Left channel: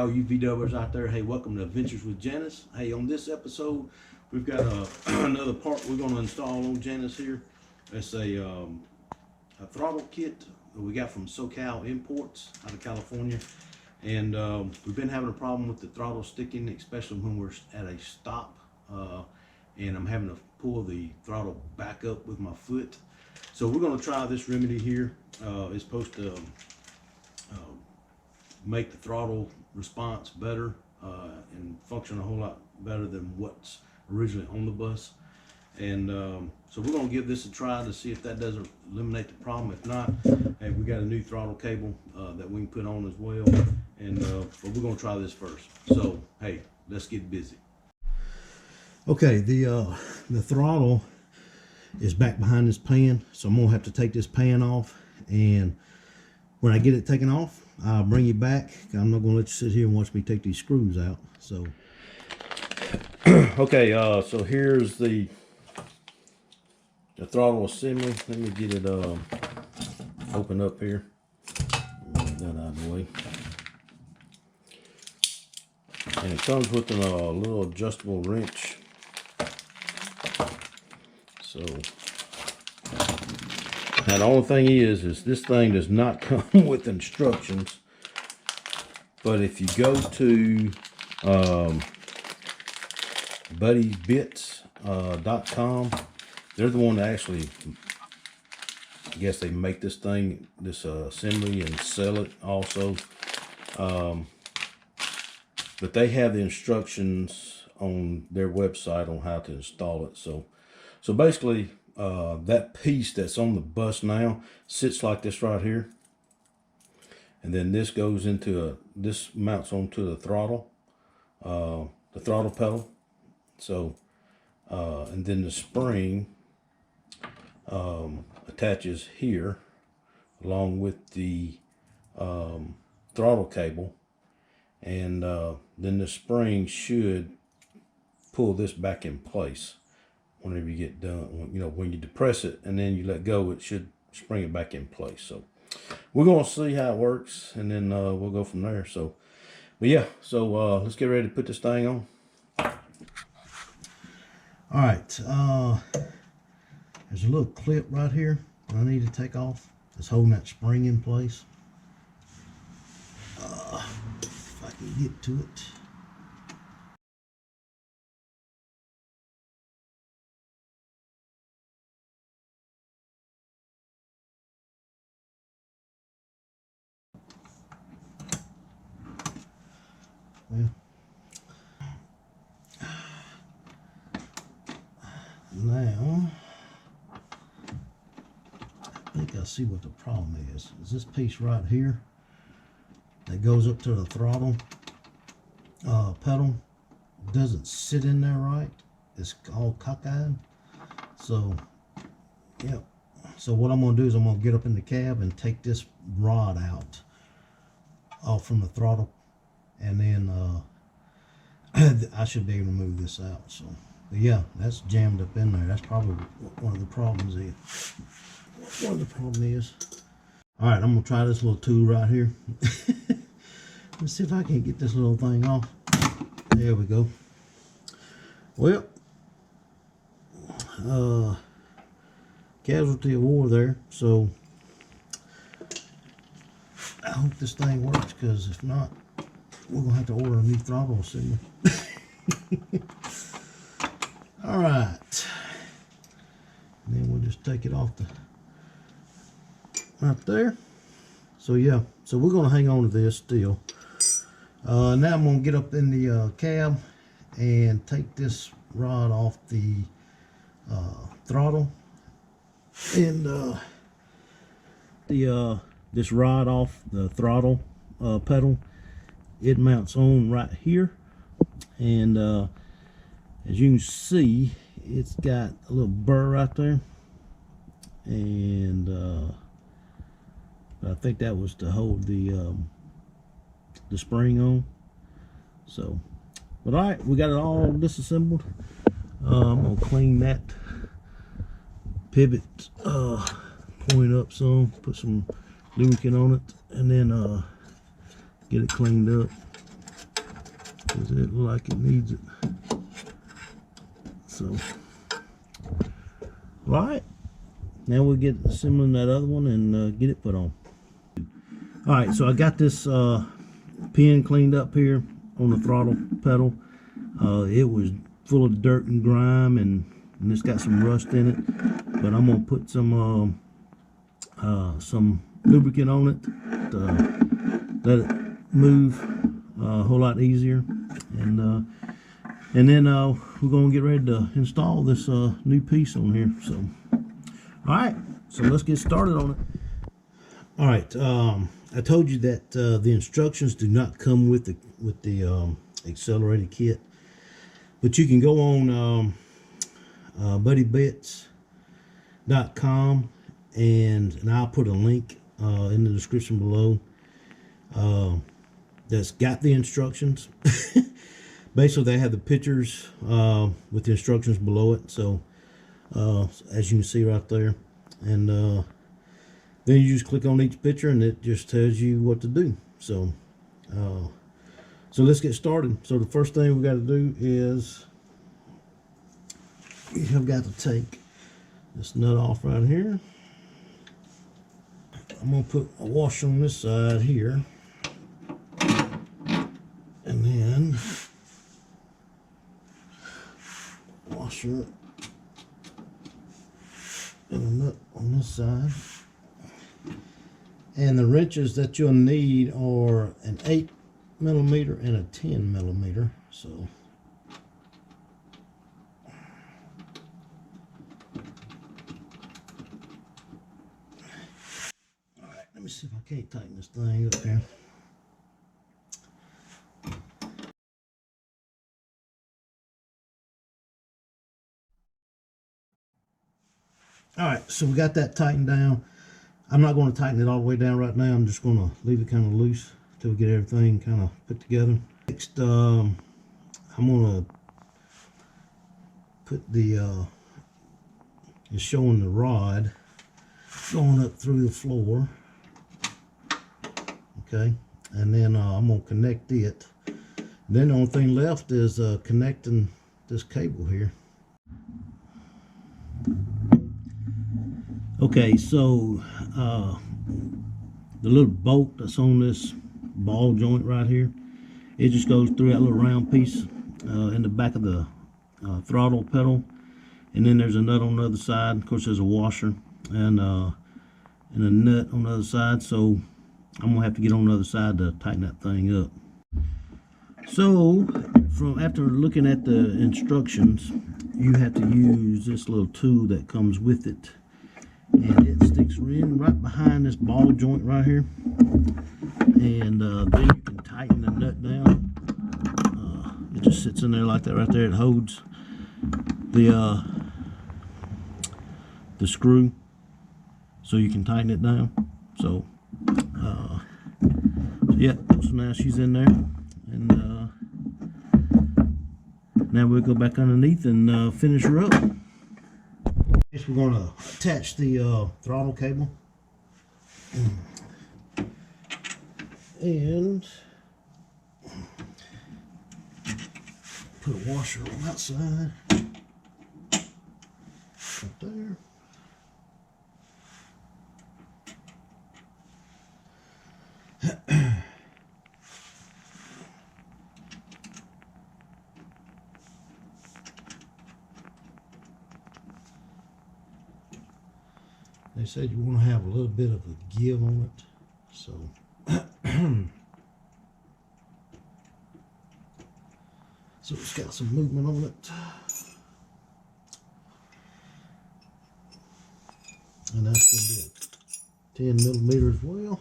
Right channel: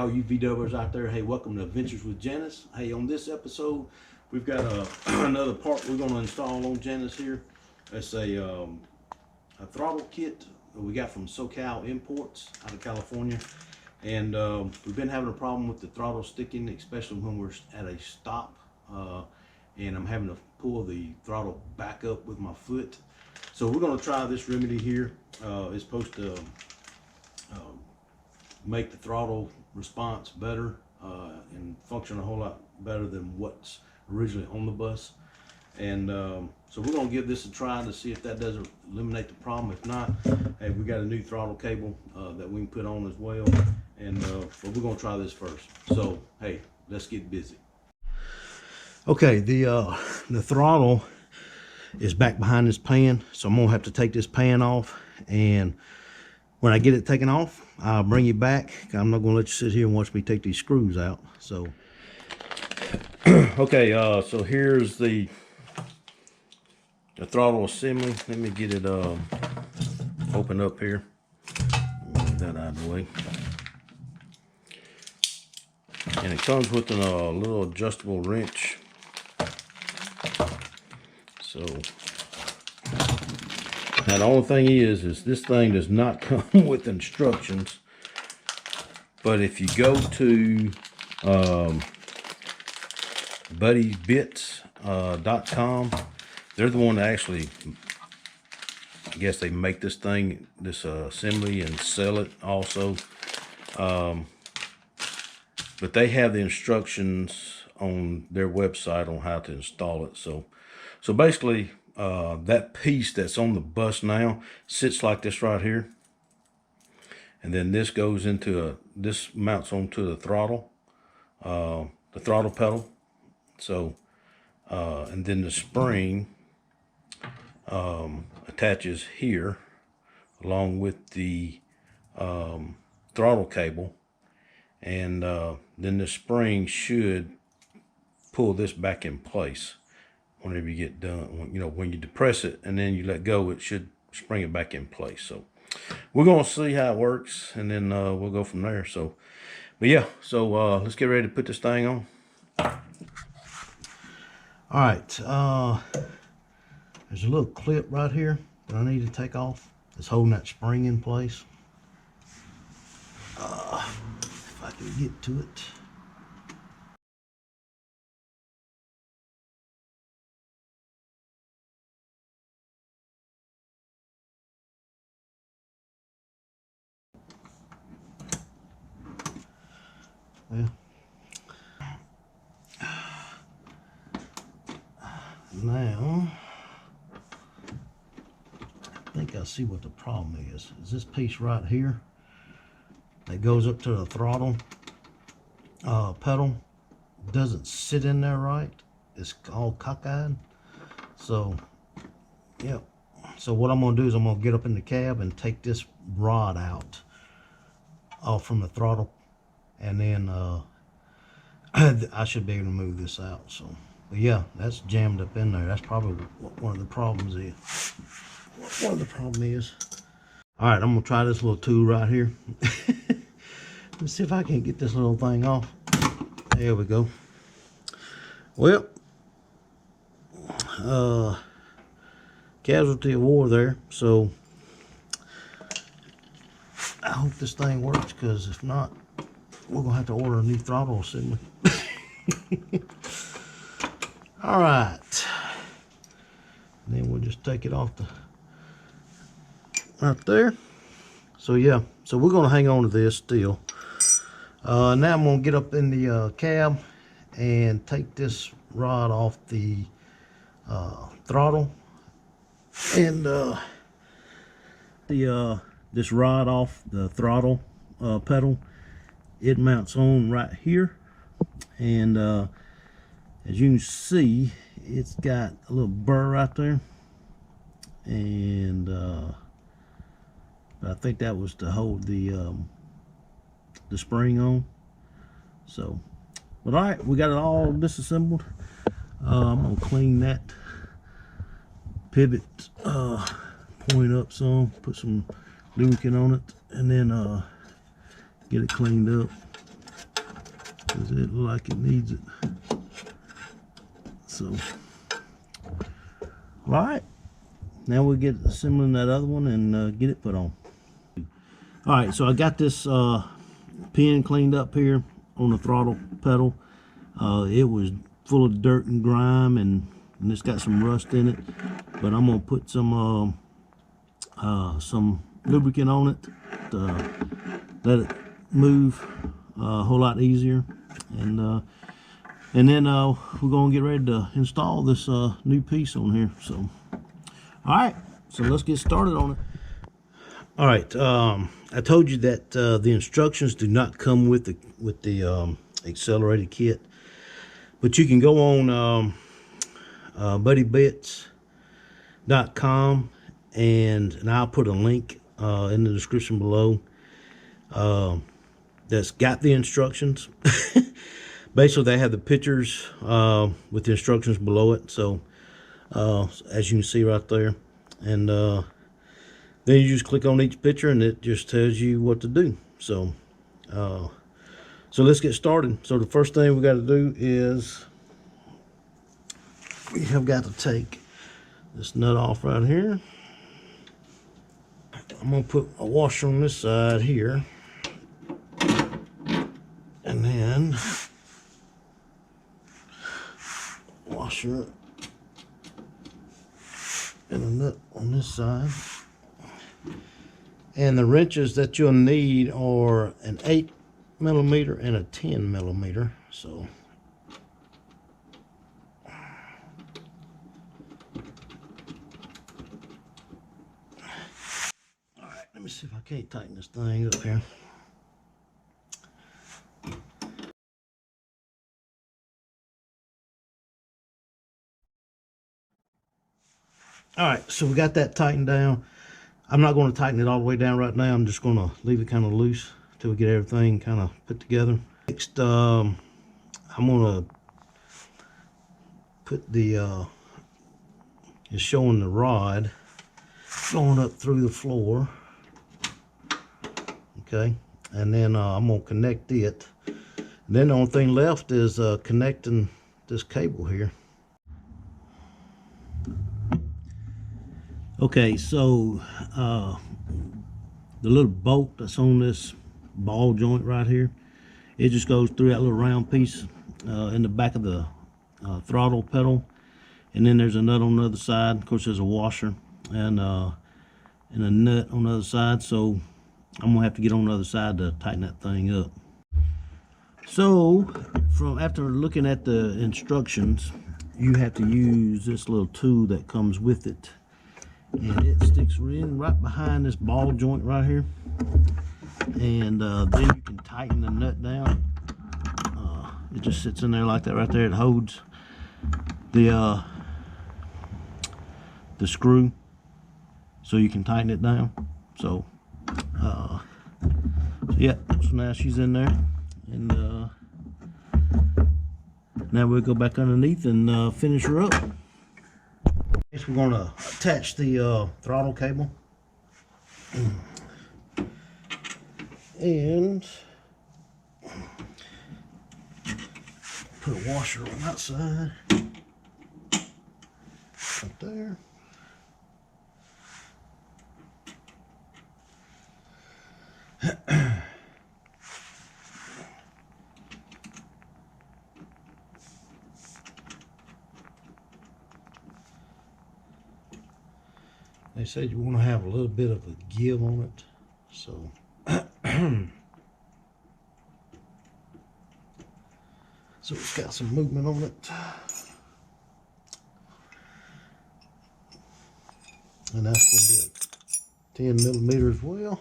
all you VWers out there. Hey, welcome to Adventures with Janis. Hey, on this episode, we've got another part we're going to install on Janis here. It's a throttle kit that we got from SoCal Imports out of California. And we've been having a problem with the throttle sticking, especially when we're at a stop. And I'm having to pull the throttle back up with my foot. So we're going to try this remedy here. It's supposed to make the throttle response better and function a whole lot better than what's originally on the bus. And so we're going to give this a try to see if that doesn't eliminate the problem. If not, hey, we got a new throttle cable that we can put on as well. And but we're going to try this first. So hey, let's get busy. Okay, the throttle is back behind this pan, so I'm gonna have to take this pan off, and when I get it taken off, I'll bring you back. I'm not gonna let you sit here and watch me take these screws out. So okay, so here's the throttle assembly. Let me get it open up here. Get that out of the way. And it comes with a little adjustable wrench. So now the only thing is this thing does not come with instructions. But if you go to buttysbits.com, they're the one that actually, I guess they make this thing, this assembly, and sell it also. But they have the instructions on their website on how to install it. So basically, that piece that's on the bus now sits like this right here. And then this goes into this mounts onto the throttle pedal. So, and then the spring attaches here along with the throttle cable. And then the spring should pull this back in place whenever you get done. You know, when you depress it and then you let go, it should spring it back in place. So we're going to see how it works, and then we'll go from there. So, but yeah, so let's get ready to put this thing on. All right, there's a little clip right here that I need to take off. It's holding that spring in place. If I can get to it. Well, now I think I see what the problem is. Is this piece right here that goes up to the throttle pedal doesn't sit in there right. It's all cockeyed. So yeah, so what I'm going to do is I'm going to get up in the cab and take this rod out off from the throttle, and then I should be able to move this out. So but yeah, that's jammed up in there. That's probably what one of the problems is. What the problem is. All right, I'm gonna try this little tool right here. Let's see if I can get this little thing off. There we go. Well, casualty of war there. So I hope this thing works, because if not, we're gonna have to order a new throttle assembly. All right, and then we'll just take it off the right there. So yeah, so we're gonna hang on to this still. Now I'm gonna get up in the cab and take this rod off the throttle, and this rod off the throttle pedal. It mounts on right here, and as you can see, it's got a little burr right there, and I think that was to hold the spring on. So, but all right, we got it all disassembled. I'm gonna clean that pivot point up some, put some lubricant on it, and then get it cleaned up. Does it look like it needs it? So, all right. Now we'll get assembling that other one and get it put on. All right, so I got this pin cleaned up here on the throttle pedal. It was full of dirt and grime, and it's got some rust in it. But I'm gonna put some lubricant on it to let it move a whole lot easier, and then we're gonna get ready to install this new piece on here. So, all right, so let's get started on it. All right, I told you that the instructions do not come with the Accelerator kit, but you can go on buttysbits.com and I'll put a link in the description below that's got the instructions. Basically, they have the pictures with the instructions below it. So as you can see right there, and then you just click on each picture and it just tells you what to do. So so let's get started. So the first thing we got to do is we have got to take this nut off right here. I'm going to put a washer on this side here, and then washer and a nut on this side. And the wrenches that you'll need are an 8mm and a 10mm. So all right, let me see if I can't tighten this thing up here. All right, so we got that tightened down. I'm not going to tighten it all the way down right now. I'm just going to leave it kind of loose until we get everything kind of put together. Next, I'm going to put the, it's showing the rod going up through the floor. Okay, and then I'm going to connect it. And then the only thing left is connecting this cable here. Okay, so the little bolt that's on this ball joint right here, it just goes through that little round piece in the back of the throttle pedal, and then there's a nut on the other side. Of course, there's a washer and a nut on the other side, so I'm gonna have to get on the other side to tighten that thing up. So after looking at the instructions, you have to use this little tool that comes with it. And it sticks in right behind this ball joint right here, and then you can tighten the nut down. It just sits in there like that right there. It holds the screw, so you can tighten it down. So yeah, so now she's in there, and now we'll go back underneath and finish her up. Next, we're going to attach the throttle cable, and put a washer on that side, right there. They said you want to have a little bit of a give on it, so so it's got some movement on it, and that's going to be a 10mm as well.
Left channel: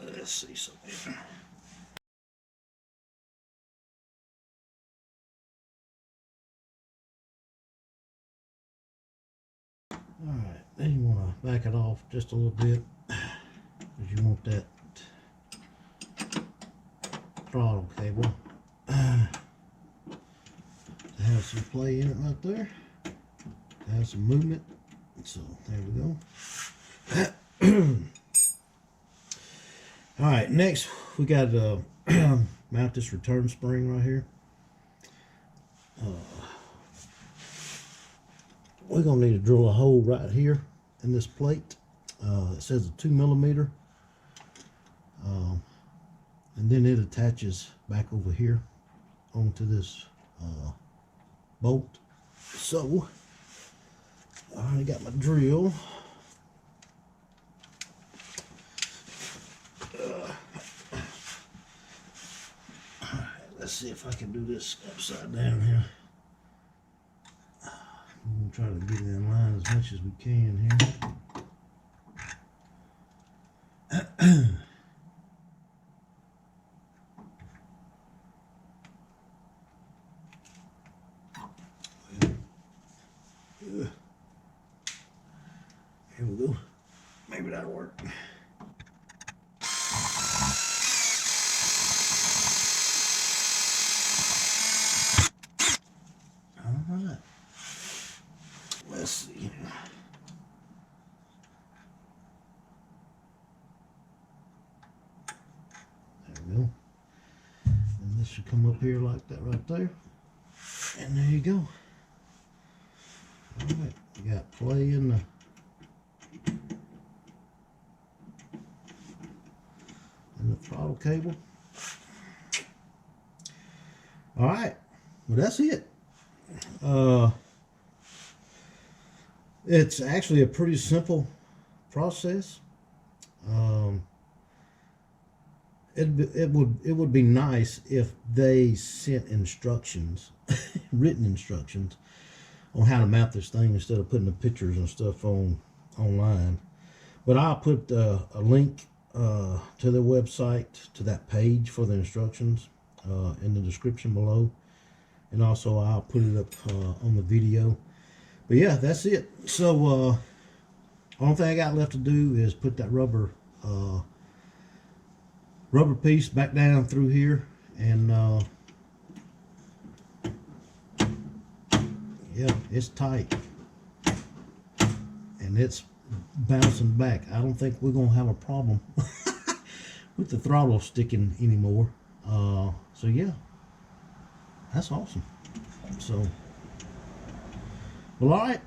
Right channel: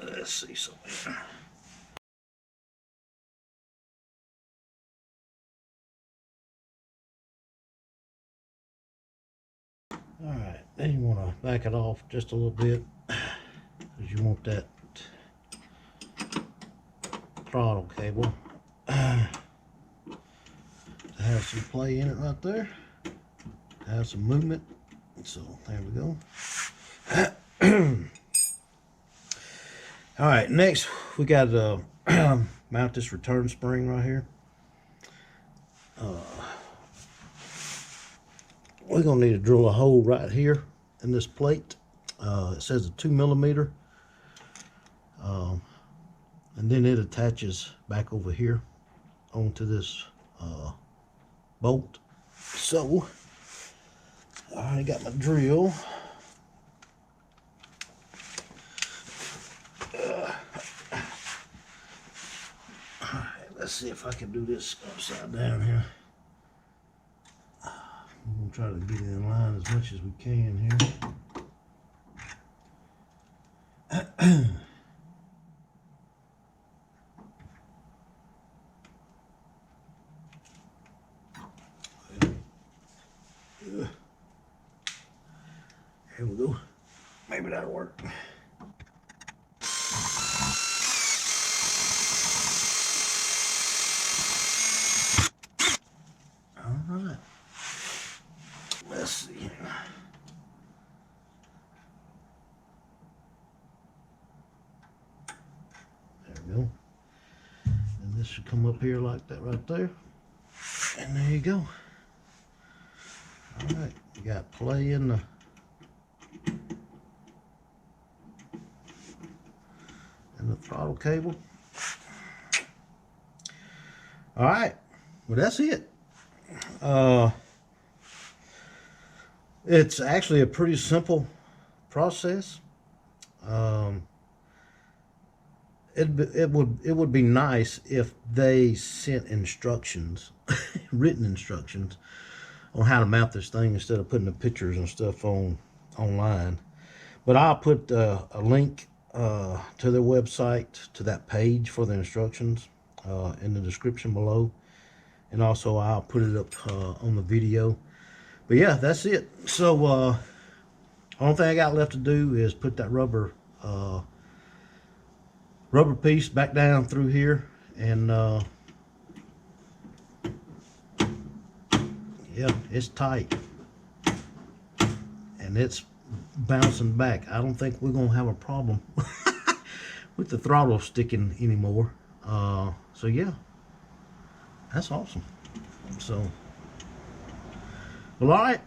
Let's see something. All right, then you want to back it off just a little bit, because you want that throttle cable to have some play in it right there, to have some movement. So there we go. All right, next we got to mount this return spring right here. We're gonna need to drill a hole right here in this plate. It says a 2 millimeter, and then it attaches back over here onto this bolt. So I already got my drill. Let's see if I can do this upside down here. I'm gonna try to get it in line as much as we can here. Here we go. Maybe that'll work. Alright. Let's see. There we go. And this should come up here like that right there. And there you go. Alright, you got play in the throttle cable. Alright, well that's it. It's actually a pretty simple process. It would be nice if they sent instructions, written instructions, on how to mount this thing instead of putting the pictures and stuff online. But I'll put a link to their website, to that page for the instructions in the description below, and also I'll put it up on the video. But yeah, that's it. So only thing I got left to do is put that rubber piece back down through here, and yeah, it's tight and it's bouncing back. I don't think we're gonna have a problem with the throttle sticking anymore. So yeah, that's awesome. So, well, all right.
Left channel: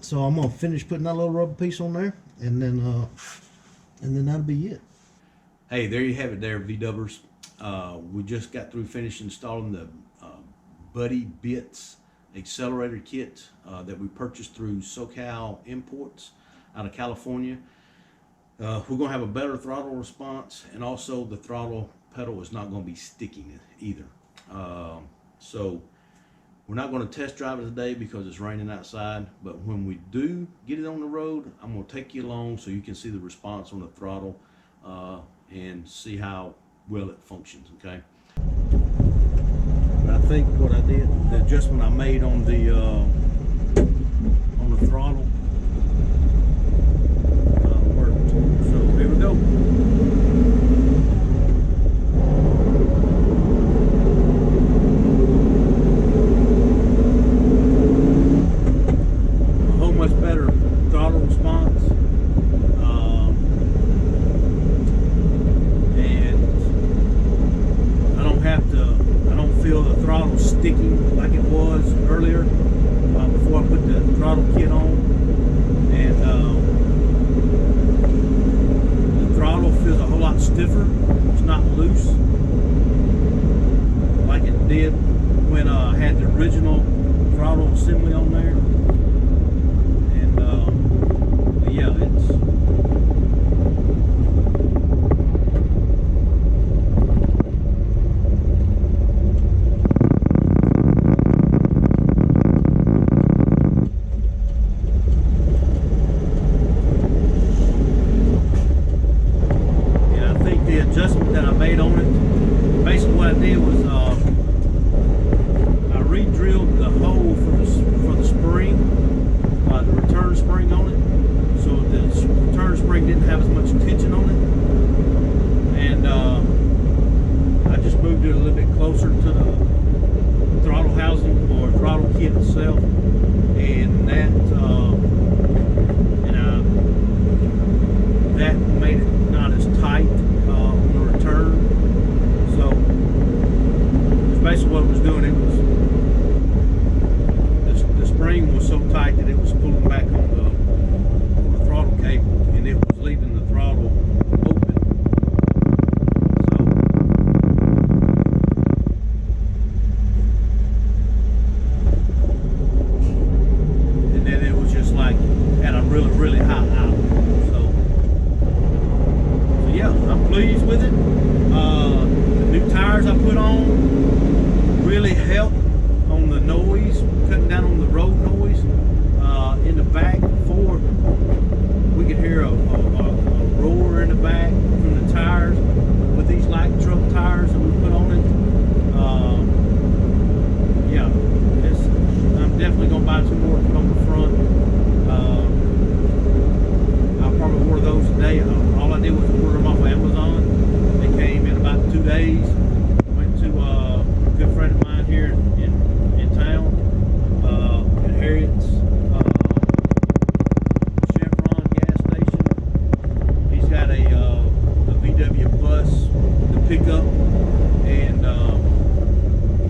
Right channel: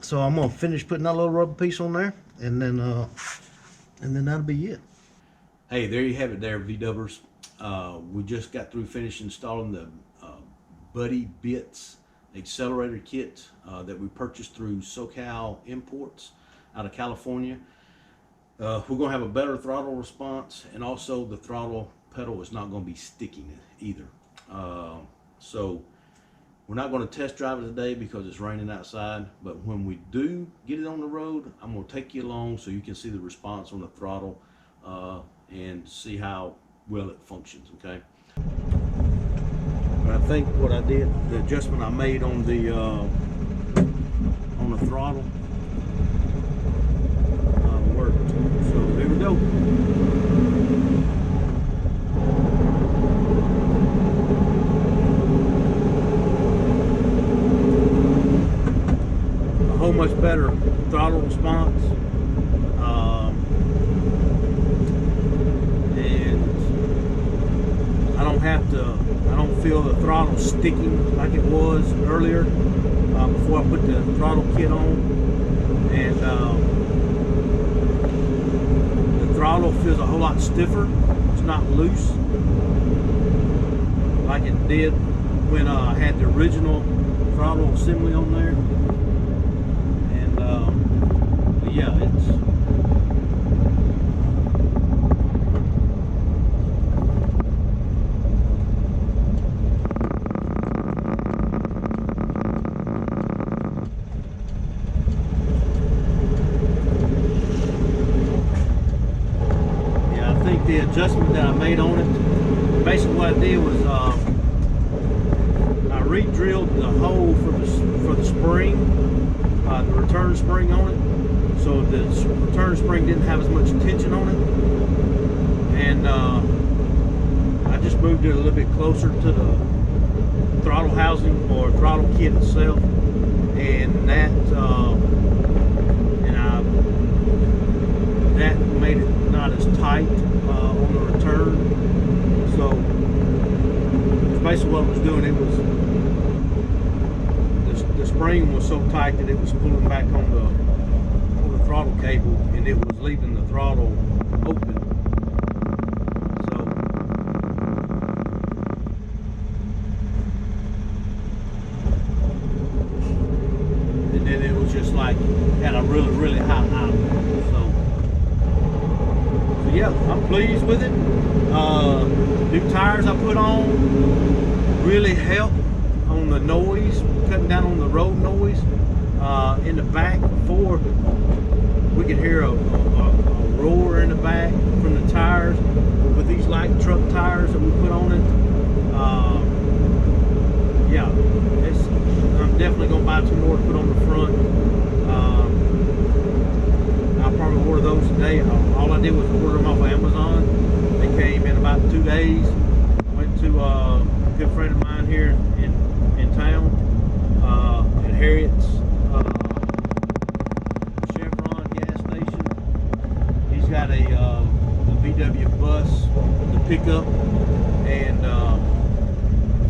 So I'm gonna finish putting that little rubber piece on there, and then that'll be it. Hey, there you have it there, V-dubbers. We just got through finished installing the Buttys Bits Accelerator Kit that we purchased through SoCal Imports out of California. We're gonna have a better throttle response, and also the throttle pedal is not gonna be sticking either. So we're not gonna test drive it today because it's raining outside, but when we do get it on the road, I'm gonna take you along so you can see the response on the throttle and see how well it functions, okay? But I think what I did, the adjustment I made on the throttle worked. So here we go. A whole much better throttle response. I don't feel the throttle sticking like it was earlier before I put the throttle kit on, and the throttle feels a whole lot stiffer. It's not loose like it did when I had the original throttle assembly on there. And but yeah, it's the adjustment that I made on it. Basically what I did was I re-drilled the hole for the spring, the return spring on it, so the return spring didn't have as much tension on it, and I just moved it a little bit closer to the throttle housing or throttle kit itself, and that that made it not as tight on the return. So that's basically what it was doing. It was the spring was so tight that it was pulling back on the throttle cable, and it was leaving the throttle open. So and then it was just like at a really high idle. So yeah, I'm pleased with it. New tires I put on really help on the noise, cutting down on the road noise. In the back before, we could hear a roar in the back from the tires. With these light truck tires that we put on it, yeah, I'm definitely gonna buy some more to put on the front. I probably order those today. All I did was order them off of Amazon. They came in about 2 days. Went to a good friend of mine here in town, at Harriet's Chevron gas station. He's got a VW bus, the pickup, and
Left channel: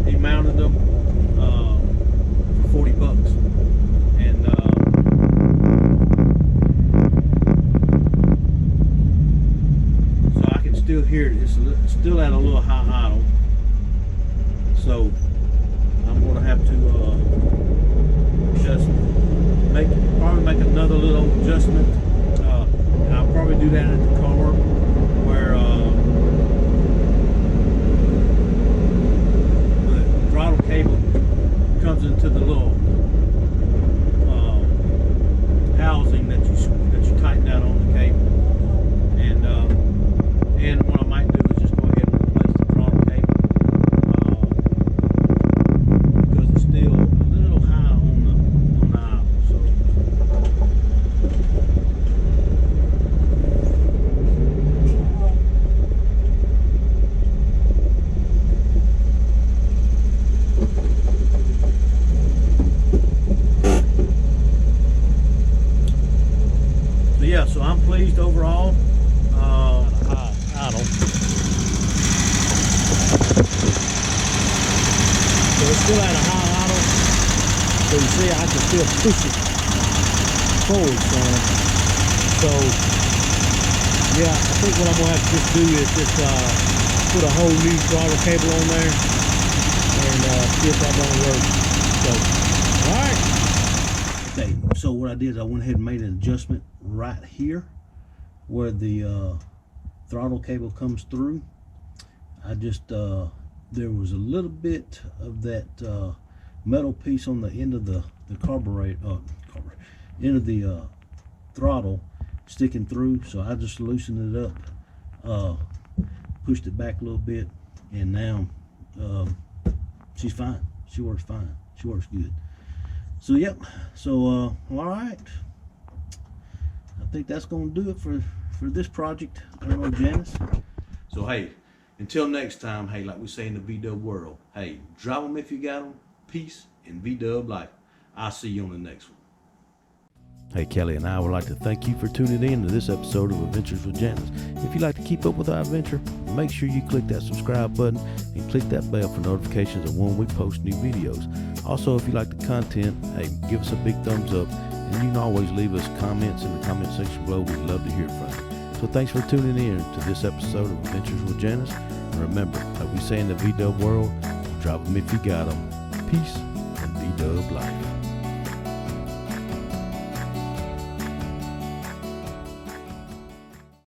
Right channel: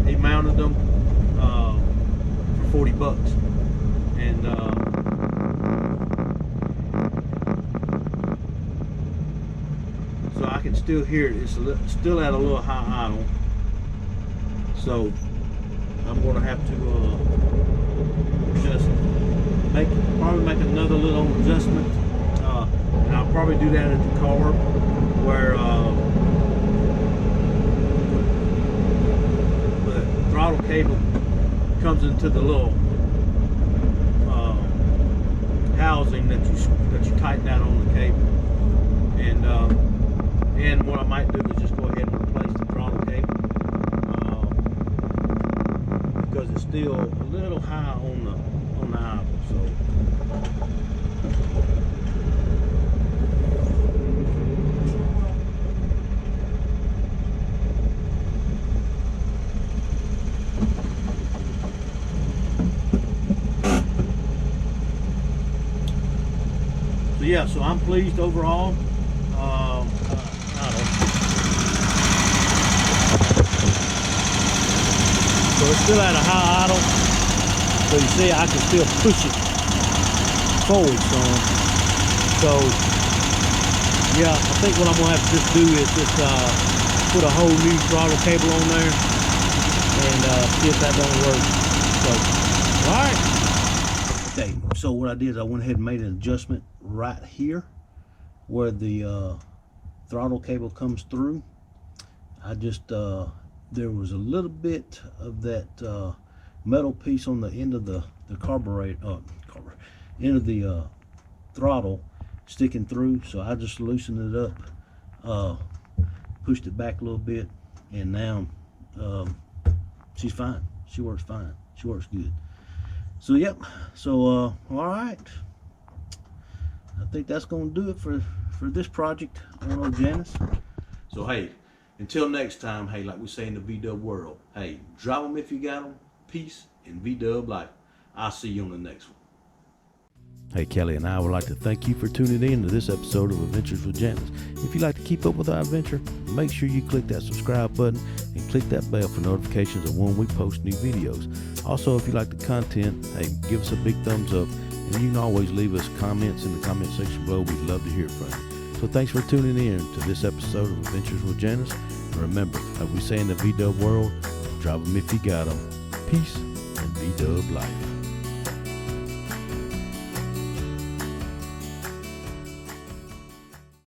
he mounted them for 40 bucks. And so I can still hear it. It's still at a little high idle. So I'm going to have to just probably make another little adjustment, and I'll probably do that at the carb, where the throttle cable comes into the little housing that you tighten out on the cable, and what I might do is just go ahead and replace the throttle cable, because it's still a little high on the idle. So yeah, so I'm pleased overall. Idle. So it's still at a high idle. So you see, I can still push it forward some. So yeah, I think what I'm gonna have to just do is just put a whole new throttle cable on there and see if that don't work. So, all right. Okay, so what I did is I went ahead and made an adjustment right here where the throttle cable comes through. I just there was a little bit of that metal piece on the end of the end of the throttle sticking through, so I just loosened it up, pushed it back a little bit, and now she's fine. She works fine. She works good. So yep, so all right, I think that's gonna do it for this project on Janis. So hey, until next time, hey, like we say in the V-Dub world, hey, drive them if you got them. Peace and V-Dub life. I'll see you on the next one. Hey, Kelly and I would like to thank you for tuning in to this episode of Adventures with Janis. If you'd like to keep up with our adventure, make sure you click that subscribe button and click that bell for notifications of when we post new videos. Also, if you like the content, hey, give us a big thumbs up, and you can always leave us comments in the comment section below. We'd love to hear from you. So thanks for tuning in to this episode of Adventures with Janis. And remember, like we say in the V-Dub world, drive them if you got them. Peace and V-Dub life.